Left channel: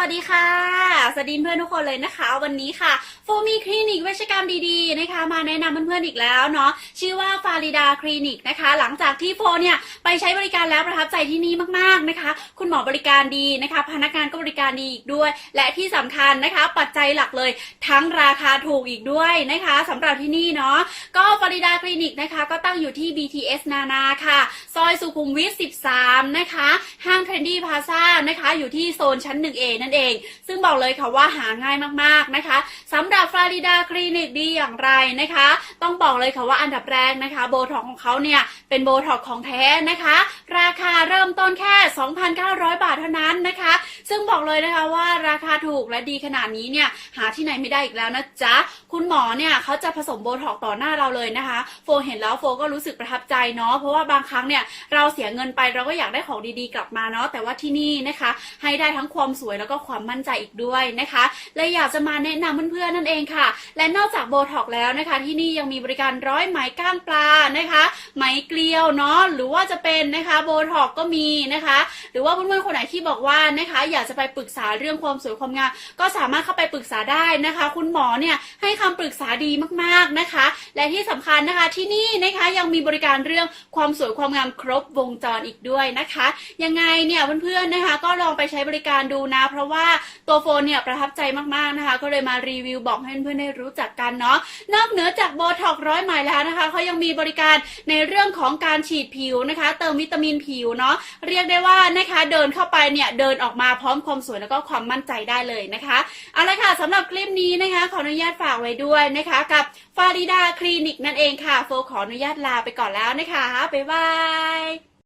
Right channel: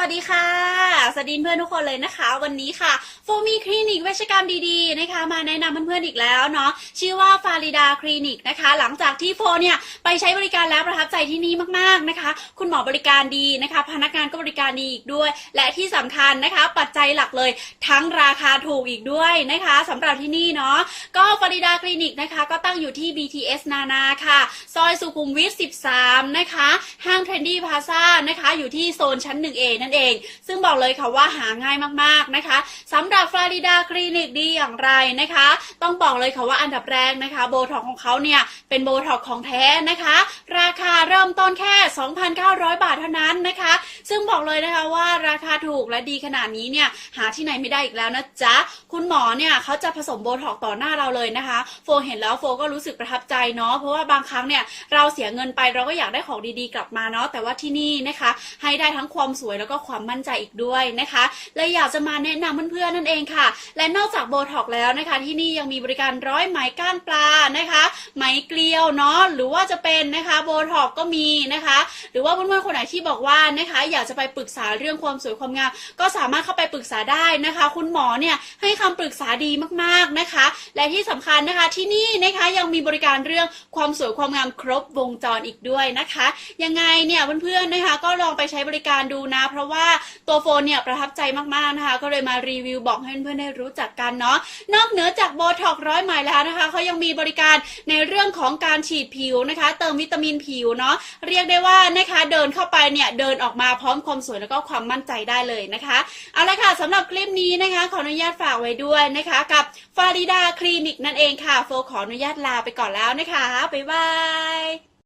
สวัสดีค่ะ สวัสดีเพื่อนทุกคนเลยนะคะ วันนี้ค่ะโฟมีคลินิกเวชกรรมดีๆนะคะ มาแนะนำเพื่อนๆอีกแล้วเนาะชื่อว่าฟาริดาคลินิกนะคะ หลังจากที่โฟเนี่ยไปใช้บริการแล้วประทับใจที่นี่มากๆนะคะ คุณหมอบริการดีนะคะ พนักงานก็บริการดีอีกด้วย และที่สำคัญนะคะ ปัจจัยหลักเลย ทั้งราคาถูกอีกด้วยนะคะสำหรับที่นี่เนาะก็ฟาริดาคลินิกนะคะ ก็ตั้งอยู่ที่ BTS นานาค่ะ ซอยสุขุมวิท 13 นะคะ ห้างเทรนดี้พาซ่านะคะ อยู่ที่โซนชั้น 1A นั่นเอง ซึ่งบอกเลยค่ะว่าหาง่ายมากๆนะคะสำหรับฟลอริดาคลินิกดีอย่างไรนะคะ ต้องบอกเลยค่ะว่าอันดับแรกนะคะโบท็อกของเขาเนี่ยเป็นโบท็อกของแท้นะคะ ราคาเริ่มต้นแค่ 2,900 บาทเท่านั้นนะคะ ซึ่งบอกเลยนะคะว่าราคาถูกและดีขนาดนี้เนี่ยหาที่ไหนไม่ได้อีกแล้วนะจ๊ะ คุณหมอเนี่ยเขาจะผสมโบท็อกต่อหน้าเราเลยนะคะ โฟเห็นแล้วโฟก็รู้สึกประทับใจเนาะเพราะว่าบางครั้งเนี่ยเราเสียเงินไปเราก็อยากได้ของดีๆกลับมาเนาะแต่ว่าที่นี่นะคะ ให้ได้ทั้งความสวยแล้วก็ความมั่นใจอีกด้วยนะคะและอยากจะมาแนะนำเพื่อนๆนั่นเองค่ะ และนอกจากโบท็อกแล้วนะคะ ที่นี่ยังมีบริการร้อยไหมก้านปลานะคะ ไหมเกลียวเนาะหรือว่าจะเป็นนะคะโบท็อกก็มีนะคะ หรือว่าเพื่อนๆคนไหนที่บอกว่านะคะอยากากจะไปปรึกษาเรื่องความสวยความงามก็สามารถเข้าไปปรึกษาได้นะคะ คุณหมอเนี่ยให้คำปรึกษาดีมากๆนะคะ และที่สำคัญนะคะที่นี่นะคะยังมีบริการเรื่องความสวยความงามครบวงจรอีกด้วยนะคะ ยังไงเนี่ยเพื่อนๆนะคะ ก็ลองไปใช้บริการดูนะ เพราะว่าตัวโฟนเนี่ยประทับใจมากๆนะคะ ก็เลยมารีวิวบอกให้เพื่อนๆได้รู้จักกันเนาะนอกเหนือจากโบท็อกร้อยไหมแล้วนะคะเขายังมีบริการในเรื่องของการฉีดผิวนะคะ เติมวิตามินผิวเนาะเรียกได้ว่านะคะเดินเข้าไปเนี่ยเดินออกมาพร้อมความสวยแล้วก็ความมั่นใจได้เลยนะคะเอาละค่ะสำหรับคลิปนี้นะคะ ขออนุญาตฝากไว้ด้วยนะคะ กับฟาริดาคลินิกนั่นเองค่ะ โฟขออนุญาตลาไปก่อนแล้วนะคะบ๊ายบาย